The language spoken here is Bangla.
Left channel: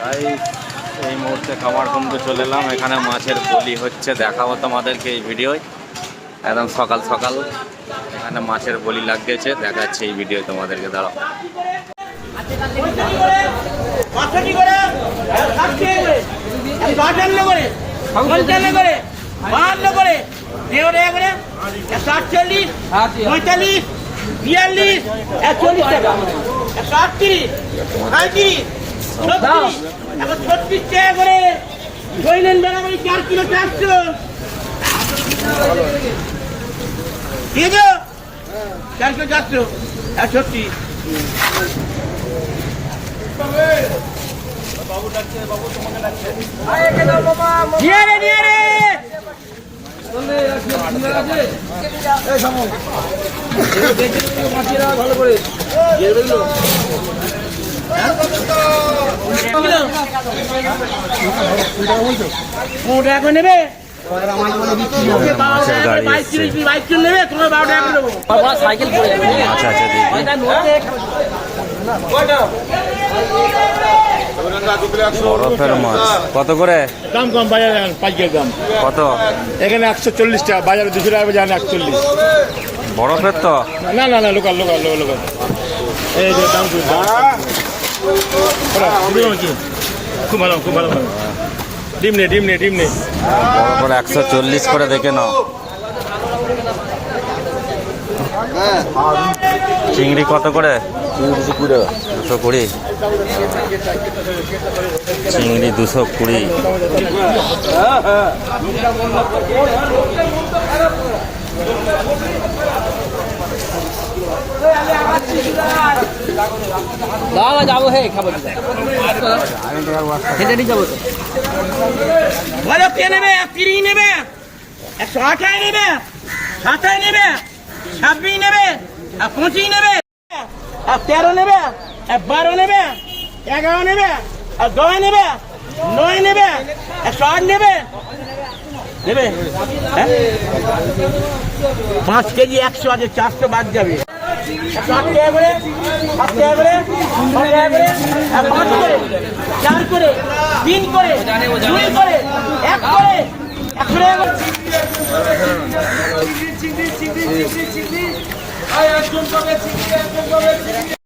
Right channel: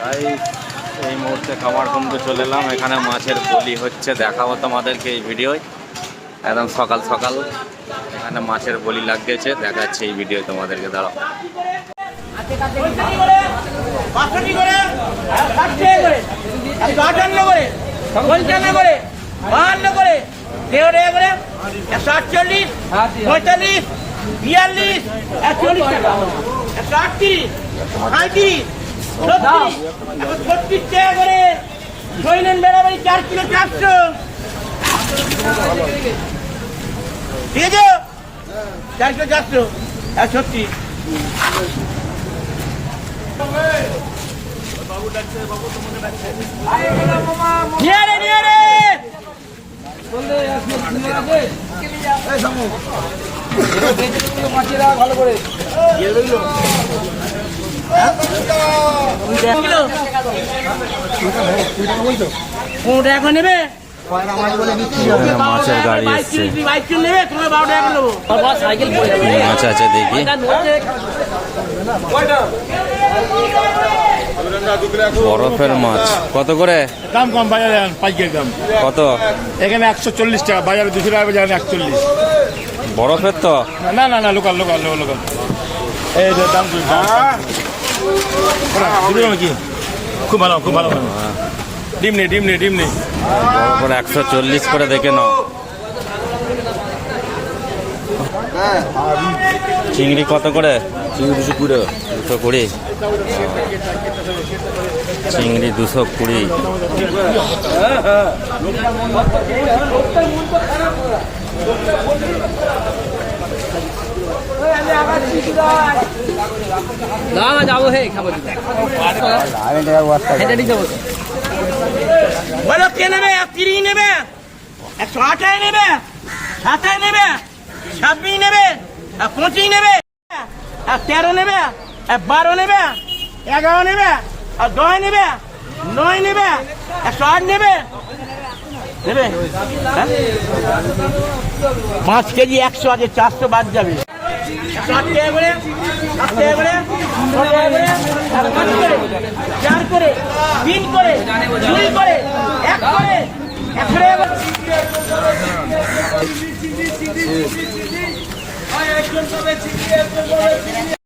তাই এই মুহূর্তে খাবার কুমতে চলে এলাম এখানে মাছের বলি হচ্ছে দেখাবো তোমাদেরকে এই ভিডিওয় একদম সকাল সকাল এখানে মাছের বলি লাগিয়েছে দেখাচ্ছে এই ভিডিও তোমাদেরকে দাঁড়াও আটচল্লিশ পঁয়তাল্লিশ বিয়াল্লিশ একচল্লিশ টাকা একশো আটত্রিশ সাঁত্রিশ ছত্রিশ টাকা করে দৈনিক বেড়াবাড়ি চার কিলো চারশো ঠিক আছে চারশো চারশো একশো ছত্রিশ নিয়ে রে নিয়ে রে পনেরো টাকা করে নেবে মাছের গাড়ি এসছে। মাছ আছে দেখি। বরফের মাছ। কত করে? দাম কম বাজারে পাইকারি দাম। কত? এখানে একশো চল্লিশ টাকা বাজারে দুশো টাকা বাজারে একচল্লিশ। বরফের তো? না না না লোকাল লোকাল লোকাল লোকাল। এই দাম। নাকি? খুব ভালো খুব ভালো একশো চল্লিশ করে দেখে নাও চিংড়ি কত করে দুশো কুড়ি দুশো কুড়ি চিংড়ি দুশো কুড়ি নেবে? নেবে? নেবে? নেবে? নেবে? নেবে? তেরো নেবে? বারো নেবে? এগারো নেবে? দশ নেবে? নয় নেবে? একশো আট নেবে? নেবে? হ্যাঁ? পাঁচ কেজি একশো আছে, চারশো বাদ যাবে। আট টাকা করে সাত টাকা করে ছ টাকা করে পাঁচ করে চার করে তিন করে দুই করে এক করে একশো টাকা করে